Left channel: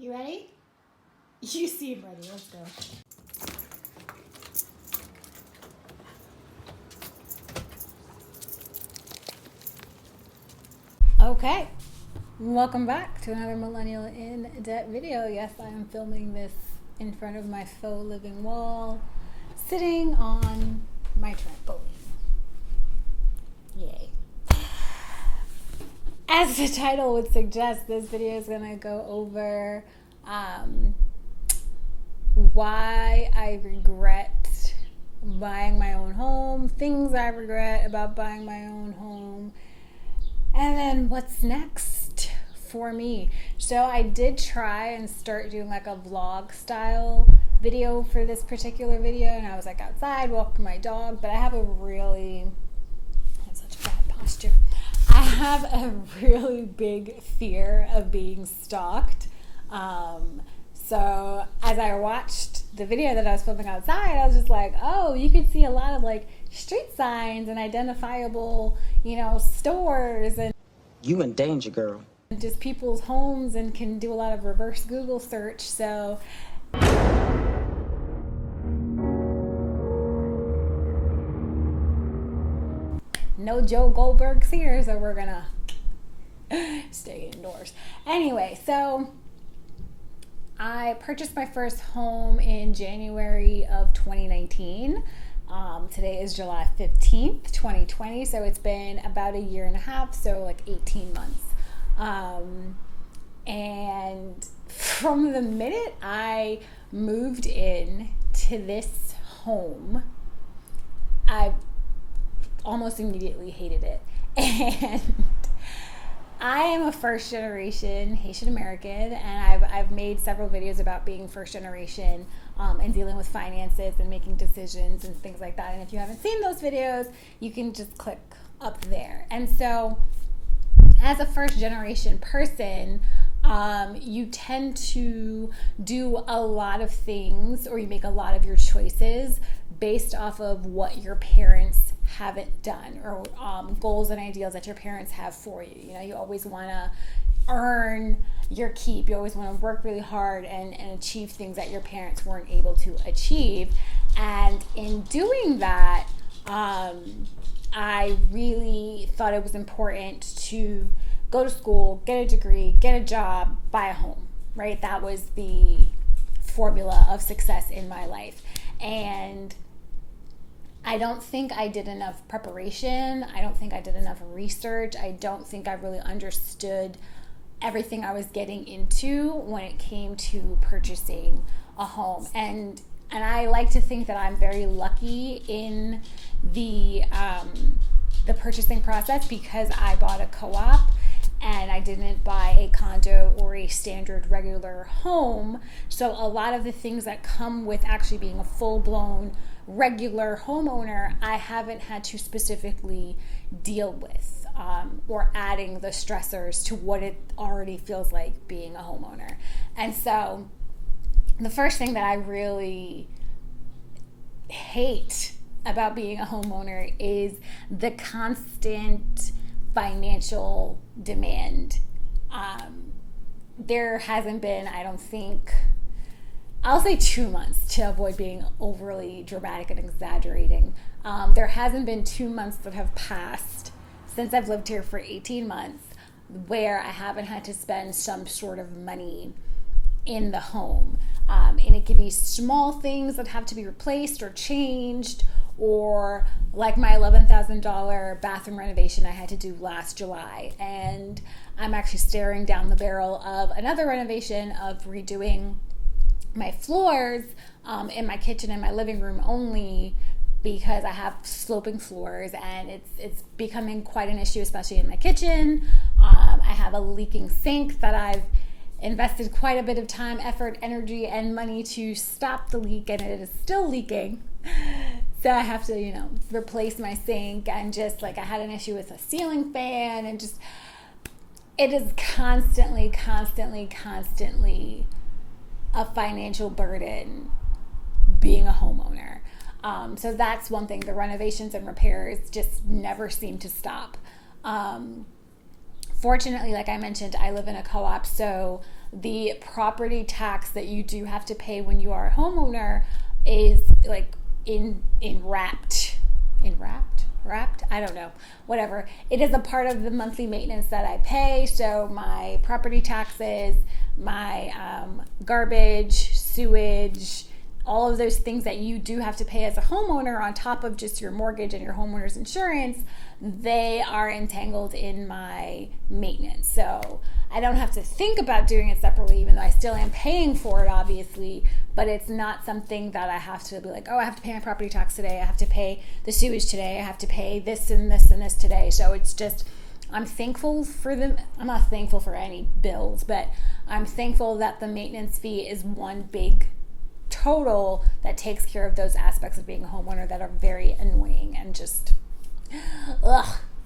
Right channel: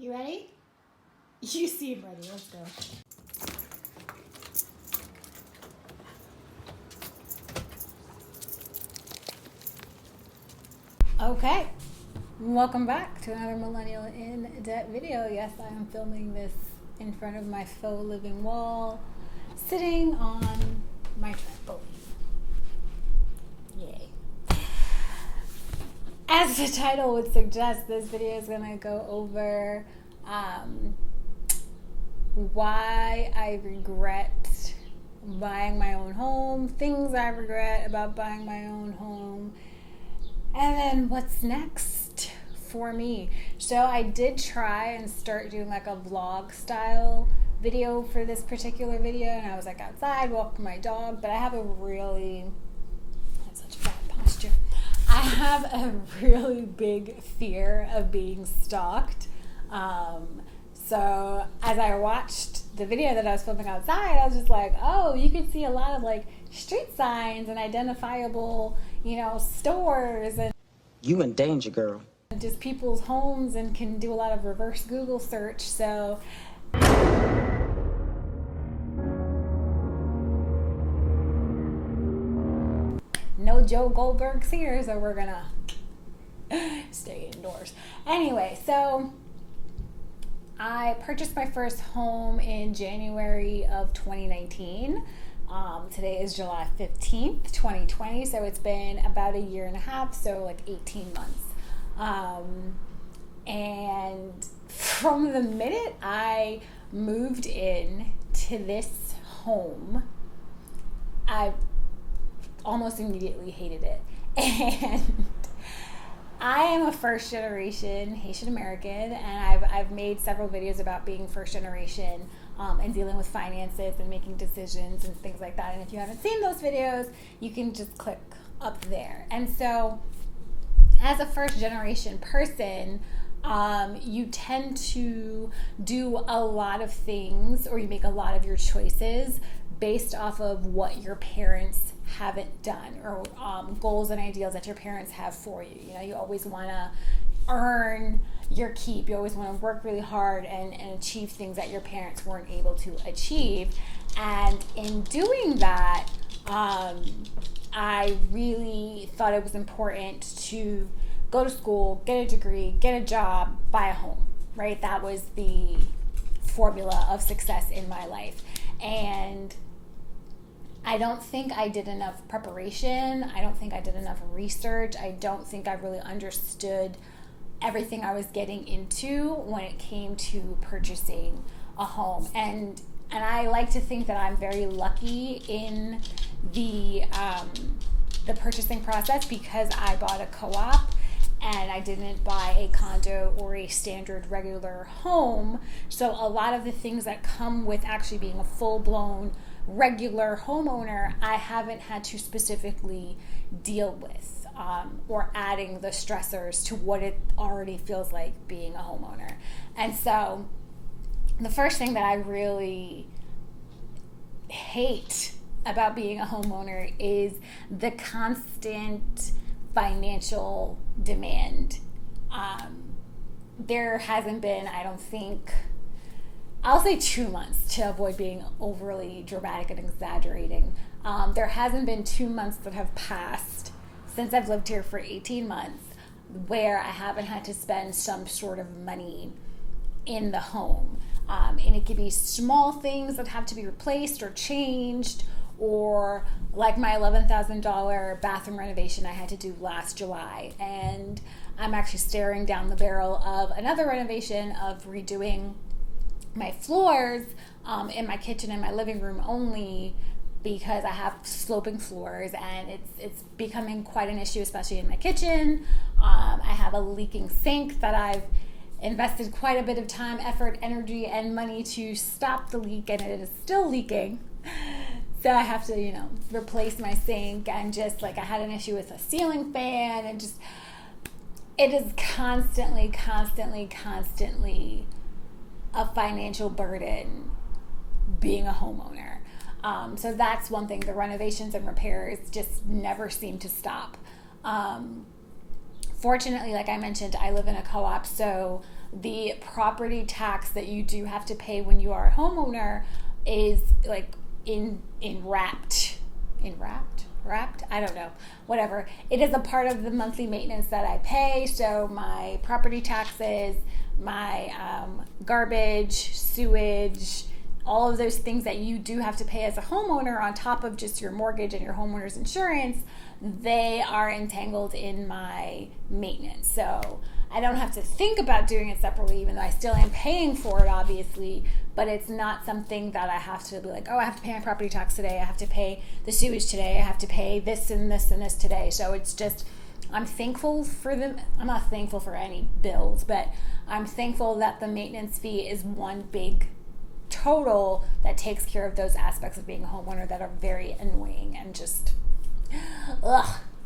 You ready? You seem ready. Let's go. Okay. Welcome back to another Millennial in Debt video. Yes, I am filming this in front of my faux living wall, sitting on my trampoline. Yay. As the title would suggest, this video is going to go over why I regret buying my own home, things I regret about buying my own home, and then what's next for me. So I did try and start doing like a vlog style video for this particular video, and I was like outside walking my dog, but I have such bad posture. I have a really big fear of being stalked. So as I watched the video that I was filming outside, I was just like, oh, you can see a lot of like street signs and identifiable, stores and you in danger, girl. Just people's homes, and can do a lot of reverse Google search. So no Joe Goldberg's here, so we're gonna stay indoors. Anyway, so I purchased my first home in January of 2019. Today is July 15th, 2020, so it's been about a year and a half, so like 18 months. And from the minute I moved in to this home, I almost immediately hated it. And I am a first generation Haitian American, and I've made several videos about being first generation and dealing with finances and making decisions and things like that. And if you haven't seen those videos, you can just click up there. And so as a first generation person, you tend to do a lot of things, or you make a lot of your choices based off of what your parents haven't done, or goals and ideals that your parents have for you. You always want to earn your keep. You always want to work really hard and achieve things that your parents weren't able to achieve. And in doing that, I really thought it was important to go to school, get a degree, get a job, buy a home, right? That was the formula of success in my life. And I don't think I did enough preparation. I don't think I did enough research. I don't think I really understood everything I was getting into when it came to purchasing a home. And I like to think that I'm very lucky in the purchasing process, because I bought a co-op and I didn't buy a condo or a standard regular home. So a lot of the things that come with actually being a full-blown regular homeowner, I haven't had to specifically deal with, or adding the stressors to what it already feels like being a homeowner. And so the first thing that I really hate about being a homeowner is the constant financial demand. There hasn't been, I don't think, I'll say 2 months to avoid being overly dramatic and exaggerating. There hasn't been 2 months that have passed since I've lived here for 18 months where I haven't had to spend some sort of money in the home. And it could be small things that have to be replaced or changed, or like my $11,000 bathroom renovation I had to do last July. And I'm actually staring down the barrel of another renovation of redoing my floors in my kitchen and my living room only, because I have sloping floors and it's becoming quite an issue, especially in my kitchen. I have a leaking sink that I've invested quite a bit of time, effort, energy, and money to stop the leak, and it is still leaking. So I have to, replace my sink, and just like I had an issue with a ceiling fan, and just it is constantly a financial burden being a homeowner. So that's one thing. The renovations and repairs just never seem to stop. Fortunately, like I mentioned, I live in a co-op, so the property tax that you do have to pay when you are a homeowner is like wrapped, I don't know, whatever. It is a part of the monthly maintenance that I pay. So my property taxes, my garbage, sewage, all of those things that you do have to pay as a homeowner on top of just your mortgage and your homeowner's insurance, they are entangled in my maintenance. So I don't have to think about doing it separately, even though I still am paying for it, obviously, but it's not something that I have to be like, oh, I have to pay my property tax today, I have to pay the sewage today, I have to pay this and this and this today. So it's just, I'm thankful for them. I'm not thankful for any bills, but I'm thankful that the maintenance fee is one big total that takes care of those aspects of being a homeowner that are very annoying and just,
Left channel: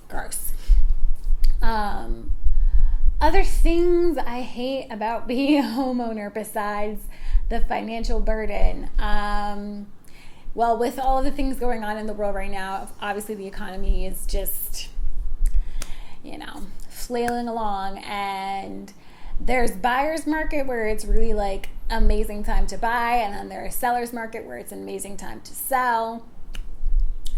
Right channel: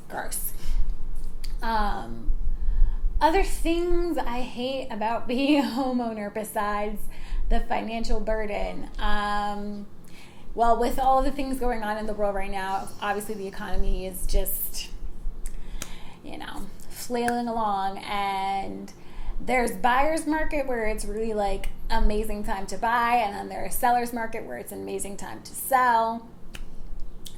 gross. Other things I hate about being a homeowner besides the financial burden. Well, with all the things going on in the world right now, obviously the economy is just, flailing along, and there's buyer's market where it's really like amazing time to buy, and then there's seller's market where it's an amazing time to sell.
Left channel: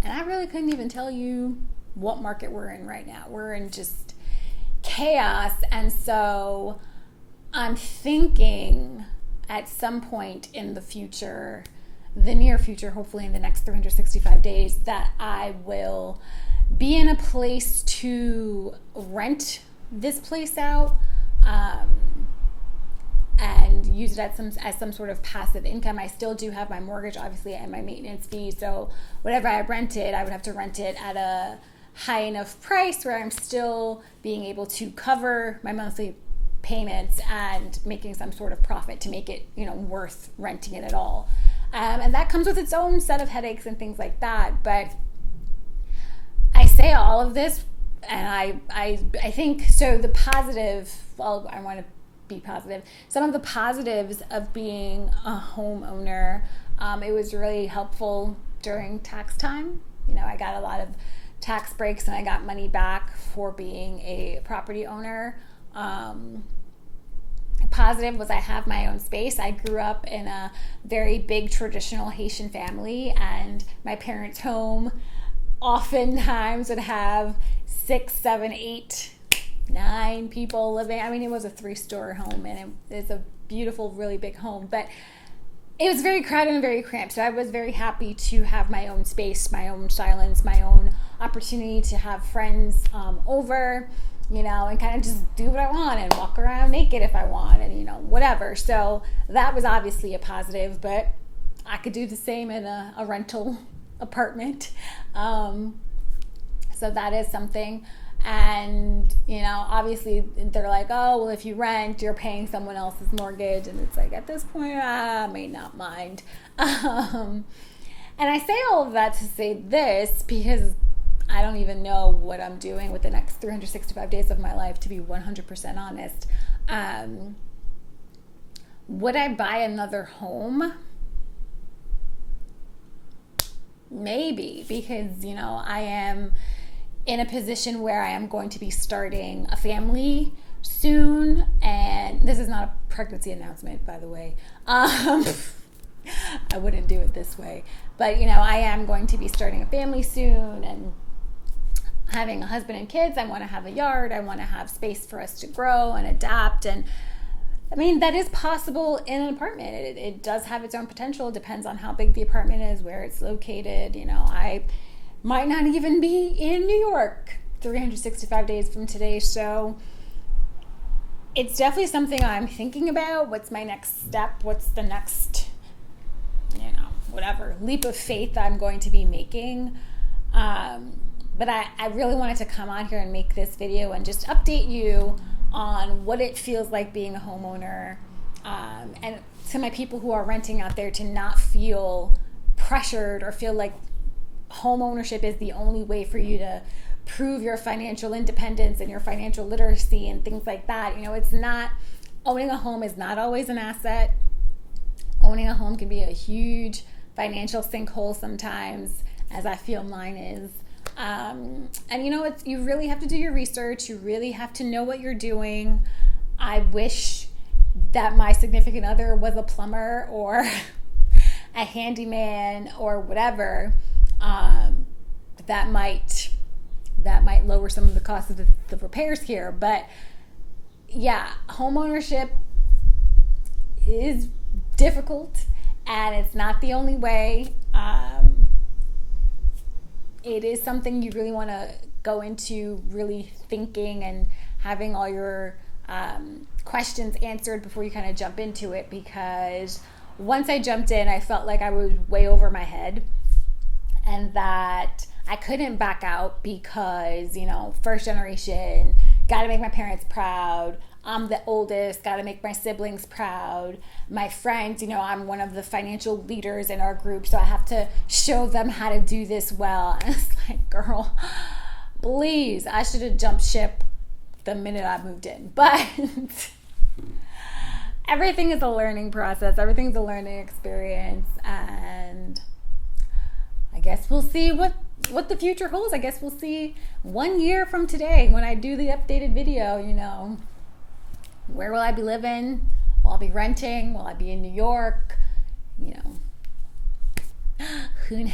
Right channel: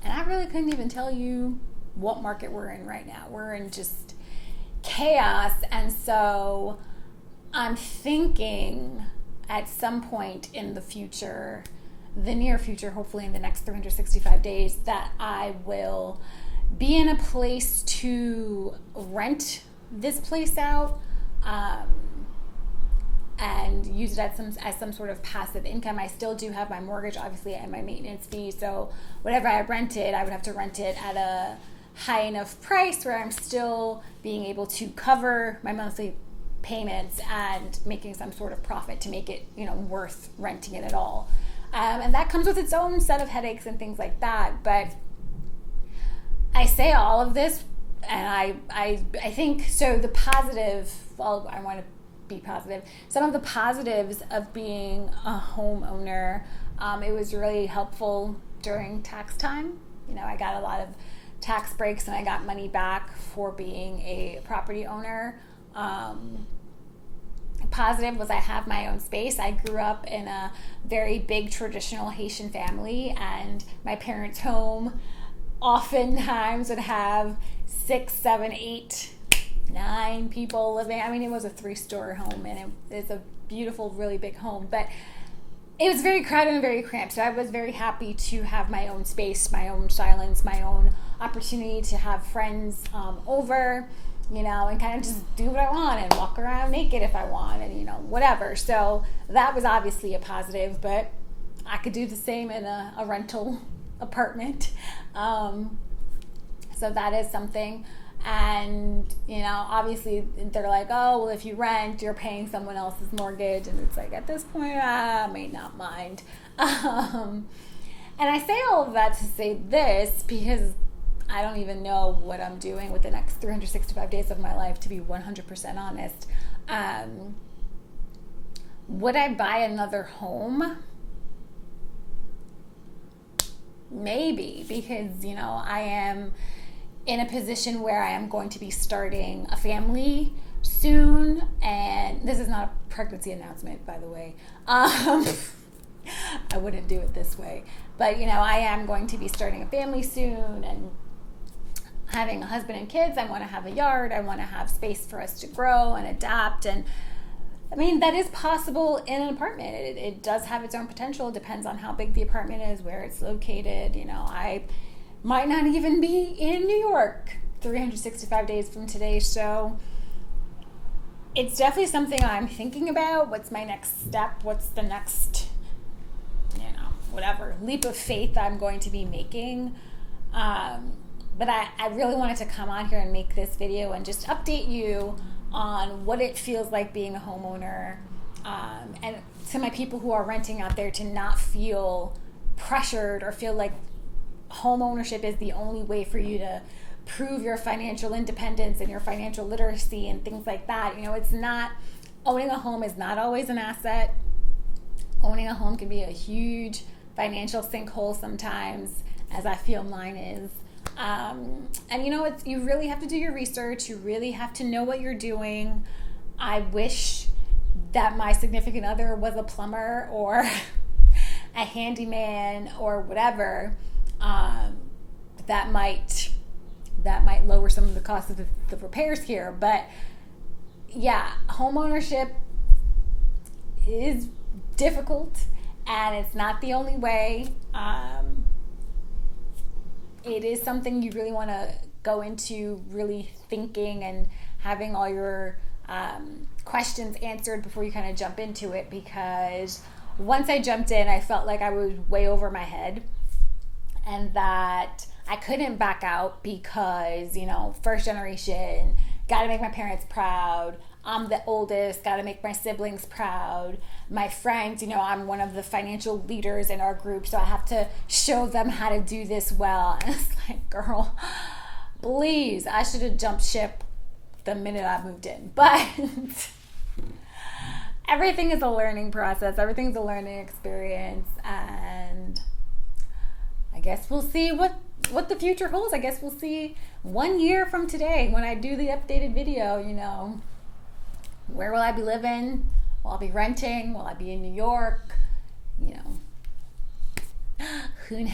And I really couldn't even tell you what market we're in right now. We're in just chaos. And so I'm thinking at some point in the future, the near future, hopefully in the next 365 days, that I will be in a place to rent this place out and use it as some sort of passive income. I still do have my mortgage, obviously, and my maintenance fee. So whatever I rented, I would have to rent it at a high enough price where I'm still being able to cover my monthly payments and making some sort of profit to make it, worth renting it at all. And that comes with its own set of headaches and things like that. But I say all of this, and I think, so the positive, well, I want to be positive. Some of the positives of being a homeowner, it was really helpful during tax time. I got a lot of tax breaks and I got money back for being a property owner. Positive was I have my own space. I grew up in a very big traditional Haitian family, and my parents' home oftentimes would have 6, 7, 8, 9 people living. I mean, it was a 3-story home, and it's a beautiful, really big home, but it was very crowded and very cramped. So I was very happy to have my own space, my own silence, my own opportunity to have friends over, and kind of just do what I want and walk around naked if I want, and whatever. So that was obviously a positive, but I could do the same in a rental apartment. So that is something. And obviously they're like, oh, well, if you rent, you're paying someone else's mortgage, and it's like, at this point, I may not mind. And I say all of that to say this because I don't even know what I'm doing with the next 365 days of my life, to be 100% honest. Would I buy another home? Maybe, because I am in a position where I am going to be starting a family soon, and this is not a pregnancy announcement, by the way. I wouldn't do it this way, but I am going to be starting a family soon and having a husband and kids. I want to have a yard. I want to have space for us to grow and adapt, and that is possible in an apartment. It does have its own potential. It depends on how big the apartment is, where it's located. I might not even be in New York 365 days from today. So it's definitely something I'm thinking about. What's my next step? What's the next, whatever leap of faith I'm going to be making? But I really wanted to come on here and make this video and just update you on what it feels like being a homeowner, and to my people who are renting out there, to not feel pressured or feel like home ownership is the only way for you to prove your financial independence and your financial literacy and things like that. It's not, owning a home is not always an asset. Owning a home can be a huge financial sinkhole sometimes, as I feel mine is. And you know, you really have to do your research. You really have to know what you're doing. I wish that my significant other was a plumber or a handyman or whatever. That might lower some of the cost of the repairs here. But yeah, home ownership is difficult, and it's not the only way. It is something you really want to go into really thinking and having all your questions answered before you kind of jump into it, because once I jumped in, I felt like I was way over my head and that I couldn't back out because, you know, first generation, got to make my parents proud. I'm the oldest, got to make my siblings proud. My friends, you know, I'm one of the financial leaders in our group, so I have to show them how to do this well. And it's like, girl, please, I should have jumped ship the minute I moved in. But everything is a learning process. Everything's a learning experience. And I guess we'll see what the future holds. I guess we'll see 1 year from today when I do the updated video, you know. Where will I be living? Will I be renting? Will I be in New York? You know, who knows?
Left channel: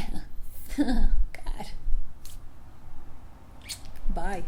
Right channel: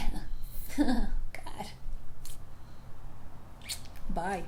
God. Bye.